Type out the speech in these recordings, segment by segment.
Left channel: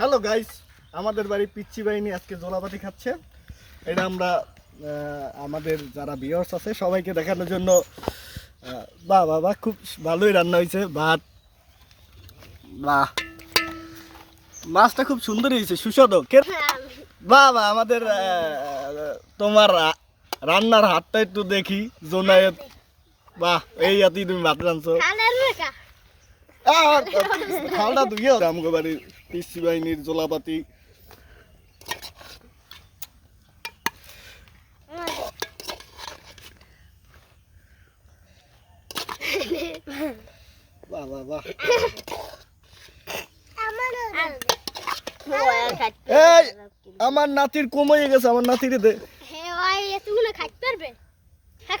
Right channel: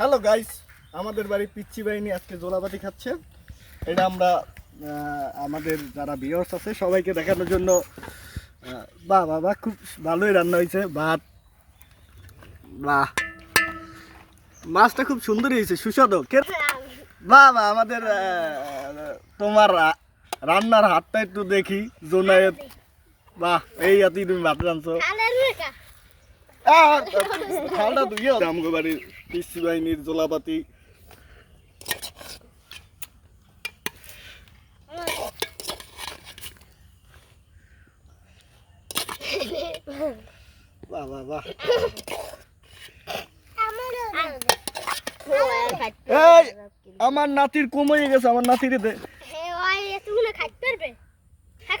Hello guys, আমাদের বাড়ি পিচ্চি বাহিনী আজকে জোলাপাতি খাচ্ছে। এটা আমরা আমাদের যারা ভিউয়ার্স আছে সবাইকে দেখানোর জন্য বাহ বাহ বাহ, খুব ভালোই রান্না হয়েছে। ভাত, বাহ, মাছটা খুব সুন্দর হয়েছে, সুস্বাদু। বাহ বাহ, আমাদের তোমার রান্নার হাতটা একটু দেখি। জোনায়েত, বাহ, এই আতি তুমি ভাত রাঁধছো। খালটা ধুইও। আমগো বাড়ির পিচ্চি বাহিনীর জোলাপাতি। বাহ বাহ বাহ, এই আমার নাতির কমে গেছে, আমার নাতিরে দে।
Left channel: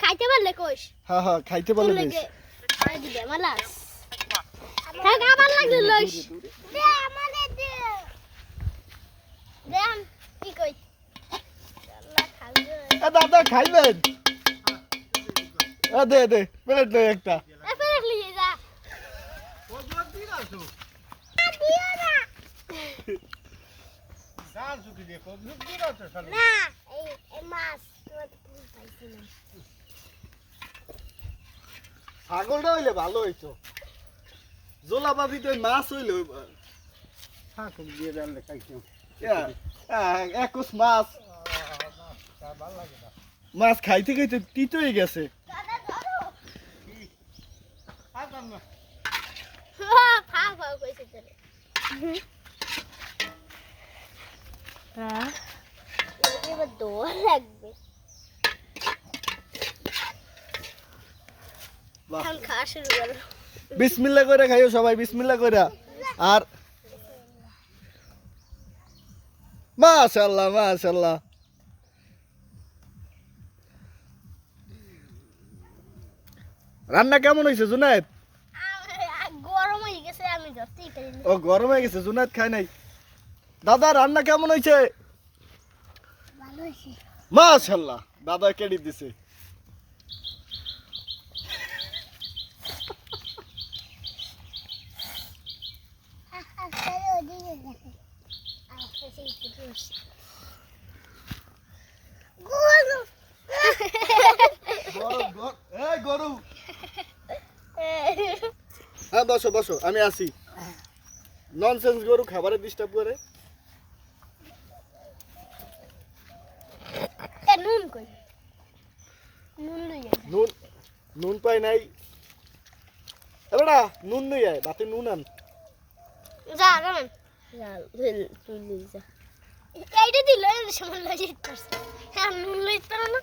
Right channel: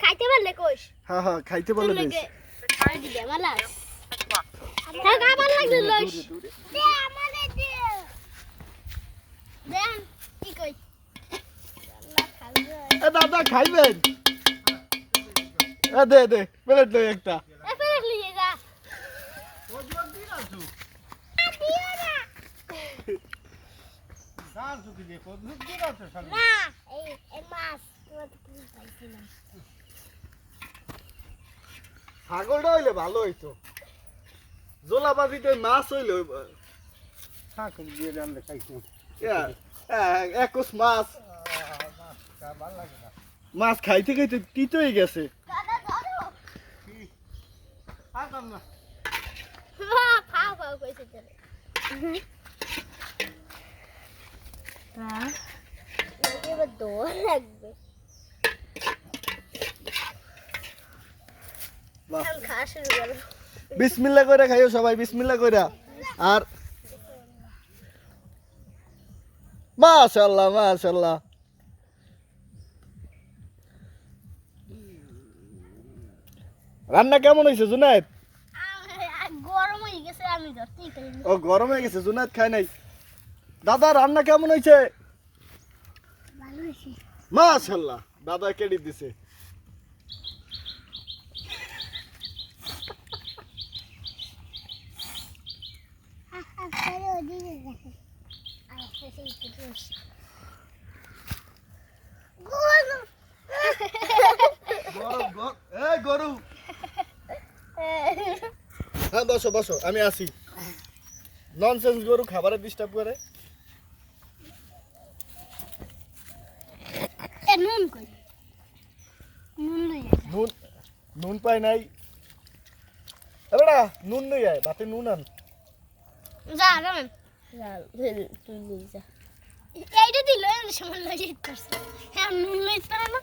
খাইতে পারলে কোষ হ্যাঁ হ্যাঁ, খাইতে পারলে বেশ। দাদা খাইবেন? দে দে, প্লেট দে একটা। ছাগলটা হইলে ভালো হইতো, জোলাপাতিতে মাছ হইলে একুশ মাছ। মাছ খাইতে খাইতে তিত হয়ে গেছে। বিসমিল্লাহ করে খাইও সবাই, বিসমিল্লাহ করে। আর মাশাআল্লাহ মাশাআল্লাহ, রান্না কেমন হয়েছে জুনায়েদ? গরম হয়ে গেছে, আমি ধরতেই পারি না। ও গরম হয়ে গেছে, জুনায়েদ খায় নাই। দাদা রান্না কেমন হয়েছে? ভালো হয়েছে। মাশাআল্লাহ, দাদা ক্রেডিট দিছে। গরু, হ্যাঁ বসো বসো, আমি আসি। ননসেন্স গরু খাবারে ডিস্টার্ব করে। নুন কই? নুন লই যা। নুন, নুন পাই নাই। এবারে নুন লই আয়, বাতে নুন আন। যা কেমন? যা তুই লই যা। এইটা দিল সময় লই করছে। হ্যাঁ নুন লই পারে না।